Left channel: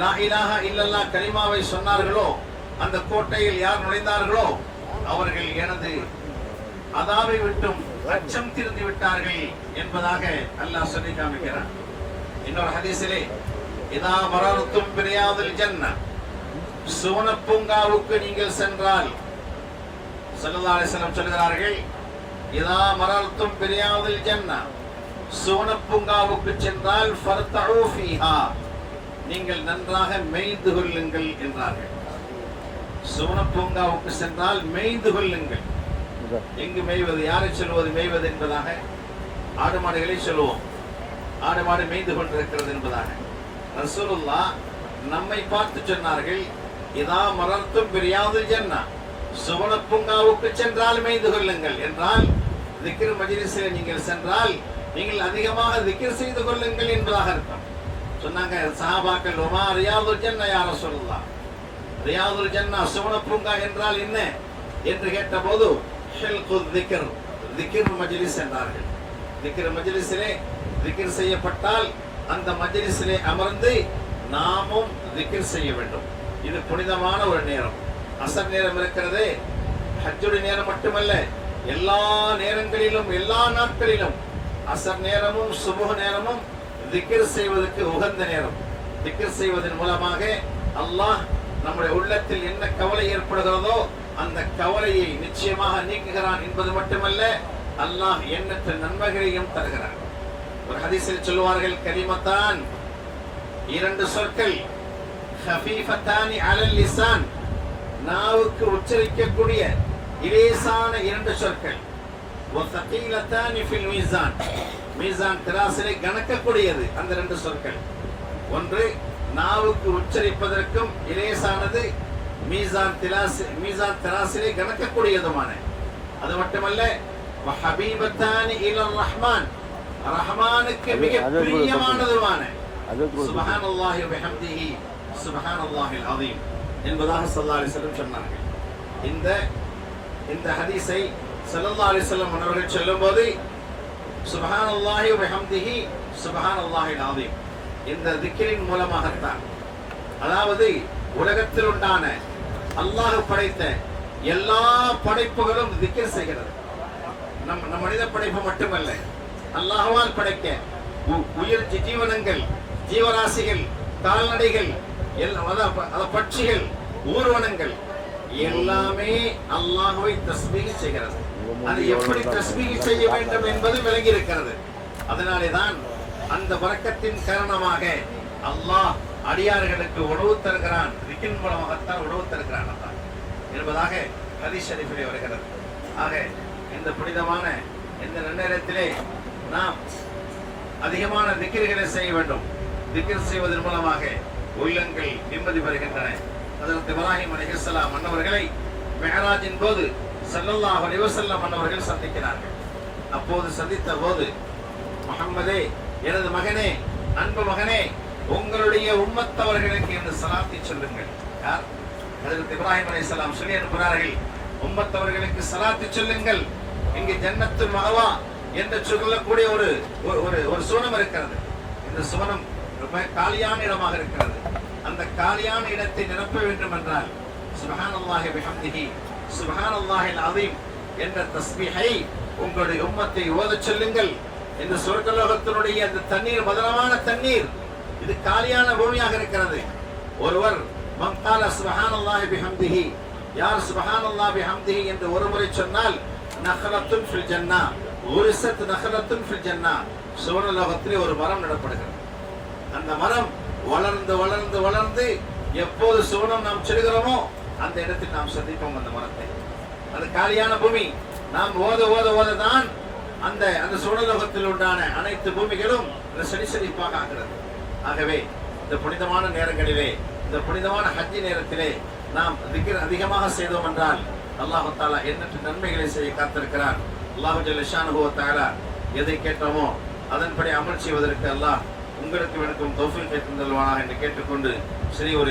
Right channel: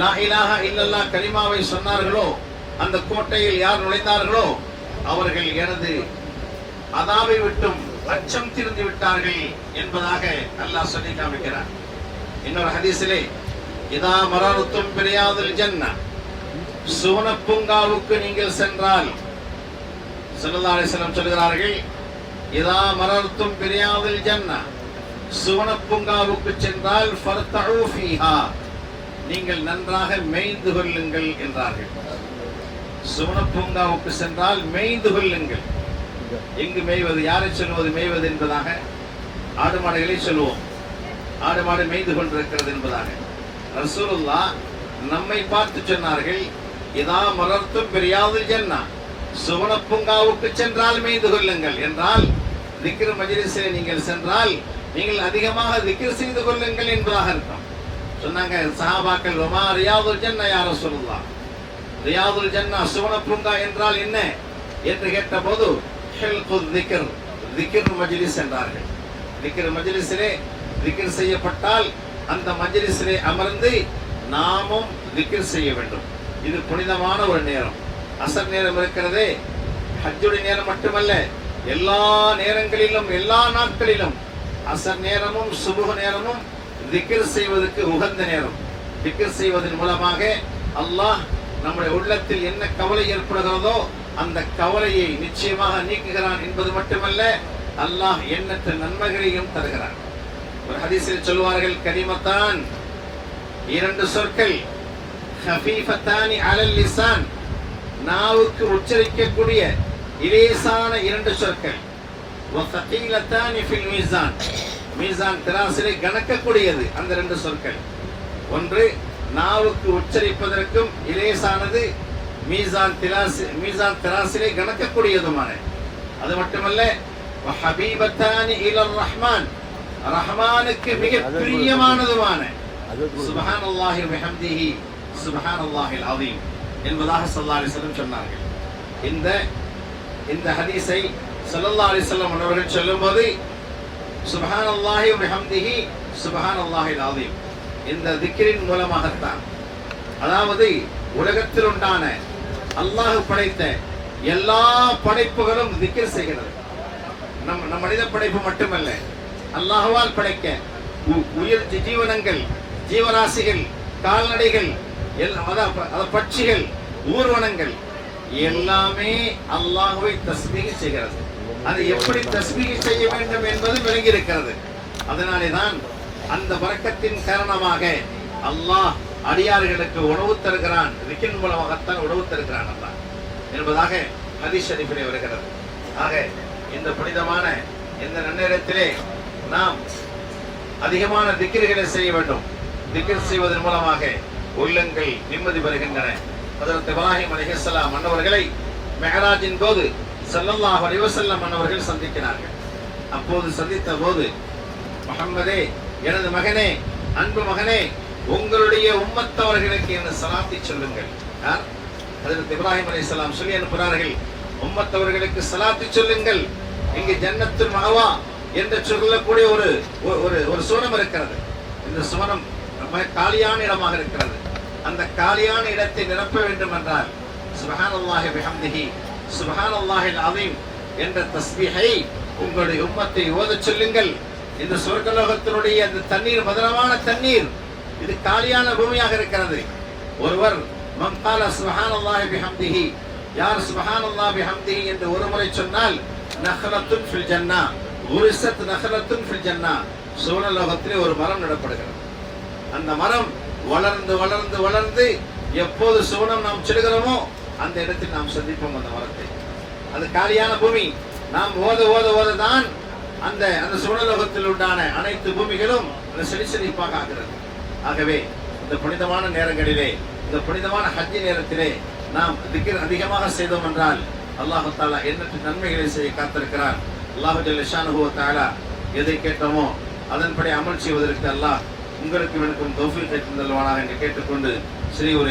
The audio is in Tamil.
லா இலாஹா இல்லல்லா கரிமாவை சொன்னார்களோ அந்த கோட்டையில் யார் நுழைந்தார்களோ அவர்கள் எனது அதாவை விட்டும் அச்சம் திருந்து விட்டார்கள் என்பதாக அல்லாஹ் சொல்லி காமிக்கிறார் இன்னொரு ஹதீஸிலே இதா மரணத்தும் பிரியாதல் சோணப் பூங்காவுக்கு நீங்கள் சென்றால் ஸல்லல்லாஹு அலைஹி சொல்கிறார்கள் இதா மரணத்தும் பிரியாதல் ஜன்ன. சுவன பூங்காவுக்கு சென்றால் ஃபர்தஉ ஃபீஹா. நீங்கள் நன்றாக மேய்ந்து கொள்ளுங்கள் என்றார்கள். சுவனப்பூங்காவுக்கு சென்றால் மேய்ந்து கொள்ளுங்கள். எங்கு மேய்வது யாரை சொல்வது மேய்வது என்பதாக ஆடு மாடுகளை சொல்லுவோம் ஆடு மாடு மேய்ந்து கொண்டிருக்கிறது என்பதாக. ரசூலுல்லா நம்மை பார்த்து சொன்னார்கள் இதா மலர்த்தும் பிரியாது ஜன்னா. சுவனப்பூங்காவுக்கு சென்றால் மேய்ந்து கொள்ளுங்கள். என்றால் திக்ர் மஜ்லிஸில் நீங்கள் சென்றால் நீங்கள் அதிகமாக திக்ர் செய்து கொள்ளுங்கள் என்பதாக இருக்கும் சொன்னாங்க சஹாபாக்கள் ஒமா ரியாதுல் ஜன்னா யார சொல்லலாம் ரியாதுல் ஜன்னா சுவனப்பூங்கா என்றால் என்ன? என்று கேட்டபோது ஹில்கு திக்கர் திக்ர் மஜ்லிஸ் என்றார்கள். திக்கர் மஜ்லிஸிலே திக்கர் செய்யப்பட்டால் அந்த மஜ்லிஸிலே அமர்ந்து நாமும் திக்கர் செய்ய வேண்டும். இது புனிதமான ஒரு நேரம். அசர் நேரம் இருக்கிறதே ஹஜ்ஜுடைய நேரம் மட்டுமல்ல எல்லா நேரங்களிலும் எல்லா நாட்களிலும் அசர் நேரமும் சுமூக நேரமும் திக்கர் செய்வதற்கு உகந்த நேரம். திக்கர் செய்வதன் மூலமாக அல்லாஹ் நம்முடைய உள்ளத்தில் என்ன கவலை ஏற்படுகிறதோ அந்த கவலையை நிச்சயமாக நீக்குகிறான் என்பது மட்டுமல்ல அல்லாஹ் எண்ணற்ற நன்மைகளையும் தருகிறான். ஒரு ஹதீஸில் சொல்வார்கள் கரிமத்தான் இரண்டு சொற்கள் ஹபீஃபத்தானி அலல் லிசான் நாவுக்கு உச்சரிக்கக்கூடிய இலேசான இரண்டு சொற்கள் ஃபில் மீசான். மீசான் திராசிலை கணக்கக்கூடியது. அந்த ரெண்டு சொற்கள். ஒன்று நாவுக்கு உச்சரிப்பதற்கும் இலேசானது மீசான் திராசி மீசான் திராசிலை கணக்கக்கூடியதுமான. அது மட்டுமல்ல ஹபீபத்தானி இலர் ரஹ்மான். ரஹ்மானுக்கு மிக பிரியமானதுமான. சுபஹானல்லாஹி வபிஹம்திஹி சுபஹானல்லாஹில் அஸீம் என்பதாக ஸல்லல்லாஹு அலைஹி வஸல்லம் சொன்னார்கள். இந்த இந்த ஹதீஸை ஸல்லல்லாஹு அலைஹி வஸல்லம் அவர்கள் சொல்லும்போது சுபஹான் அல்லாஹி ஹம்திஹி சுபஹான் அல்லாஹி அஸீம் இந்த திக்கிரின் மூலமாகத்தான். அதாவது உலகத்தில் உண்டான அல்லாஹ் படைத்த எல்லா படைப்புகளும் திக்ர் செய்கிறது. நம் நம் மனித படைப்பு மட்டுமல்ல அல்லாஹுவால் படைக்க உ- உயிர் ஜீவனங்கள் ஜீவராசிகள் கால்நடைகள் எல் அத- பட்சிகள் ஊர்வனங்கள் எல்லாமே அல்லாஹுவை தஸ்மீக செய்கிறது. அது எப்படி தஸ்பீக செய்ய வேண்டும் என்பது விளங்கி இருக்கிறது அதனாலே தான் அந்த வழக்கத்தின் காரணமாக அல்லாஹ் அடியார்களுக்கு உணவு தருகிறான். ரிக்கின் மூலமாகத்தான் உணவு தருகிறான் அல்லாஹ். என்பதாக ஹதீஸ் ஷரீஃபிலே வருகிறது. ஆக இந்த புனிதமான இந்த நன்னேரத்திலே நாம் அதிகமான திக்கிர்களை செய்ய வேண்டும். திக்கிர் செய்வதன் மூலமாக உள்ளங்கள் நிம்மதி பெறுகின்றன. அதற்கு இப்ராஹிம் அலிஹலாம் மன்னவர்களை மெஹராஜின் போது ஸல்லல்லாஹு அலைஹி அவர்கள் சந்திக்கிறார்கள். அப்போது சந்தித்த போது முகம்மதே எனது மகனே அன்பு மகனே உங்களுடைய உம்மத்தவர்களுக்கு இந்த சலாத்தை சொல்லுங்கள். யார்? அதற்கு இப்ராஹிம் அலைஹிஸ்ஸலாம் சொல்லி அனுப்புகிறார்கள் உம்மத்தவர்களுக்கு சலாத்தி சொல்லுங்கள். இங்கு ஜன்னத்து மகவா என்று சொல்லக்கூடிய ஒரு ஒரு- ஒரு ஒரு சுவனம் இருக்கிறது. இந்த சுவனம் ரொம்ப காலியான இடமாக இருக்கிறது. அந்த காலியான இடத்தை நிரப்ப வேண்டும் என்றால் சுபஹானல்லாஹி பிஹம்திஹி சுபஹானல்லாஹில் அஸீம் என்ற தஸ்மிஹை உங்களுடைய உம்மத்தை ஓதச் சொல்லுங்கள். இந்த சொர்க்கலோகத்தினுடைய அந்த தண்ணீர் மதுரமான தண்ணீர் இது காலியான பூமியாக இருக்கிறது. ஒருவர் மங்கால சுபஹானல்லாஹி பிஹம்திஹி யார் சுபஹானல்லாஹி பிஹம்திஹி என்று ஒரு முறை சொன்னால் நஹலத்துன் ஃபில் ஜன்னா உரிசத் நஹலத்துன் ஃபில் ஜன்னா சுவனலோகத்திலே ஒரு மரம் நடப்படுகிறது. அந்த மரம் வளர்ந்து வளர்ந்து வளர்ந்து எப்போது சுவனம் நாம் செல்கிறோமோ அந்த இடத்தில் நாம் சந்திப்போம் அந்த மரத்தை. அது காலியான பூமி நாம் ஓத ஓத ஓத தான் அந்த அந்த சூழலோகத்தில் உண்டான அனைத்து பூமிகளும் அந்த ஆகிறது. ஆகவே இந்த புனிதமான நேரங்களிலே இந்த புனிதமான ஹஜ்ஜி நேரத்திலே நாம் திக்கர் அதிகமாக செய்தோம் என்றால் அல்லாஹு தாலா எண்ணற்ற நன்மைகளை செய்ய காத்திருக்கிறார். அல்லாஹு ஜல்ல தாலா எதை கேட்டோமோ அதன்படி அமல் செய்வதற்கு அல்லாஹ் உங்களுக்கு எனக்கும் தௌஃபீக்கை தந்தல்வானாக என்று கேட்டுக்கொண்டு சிறிய ஒரு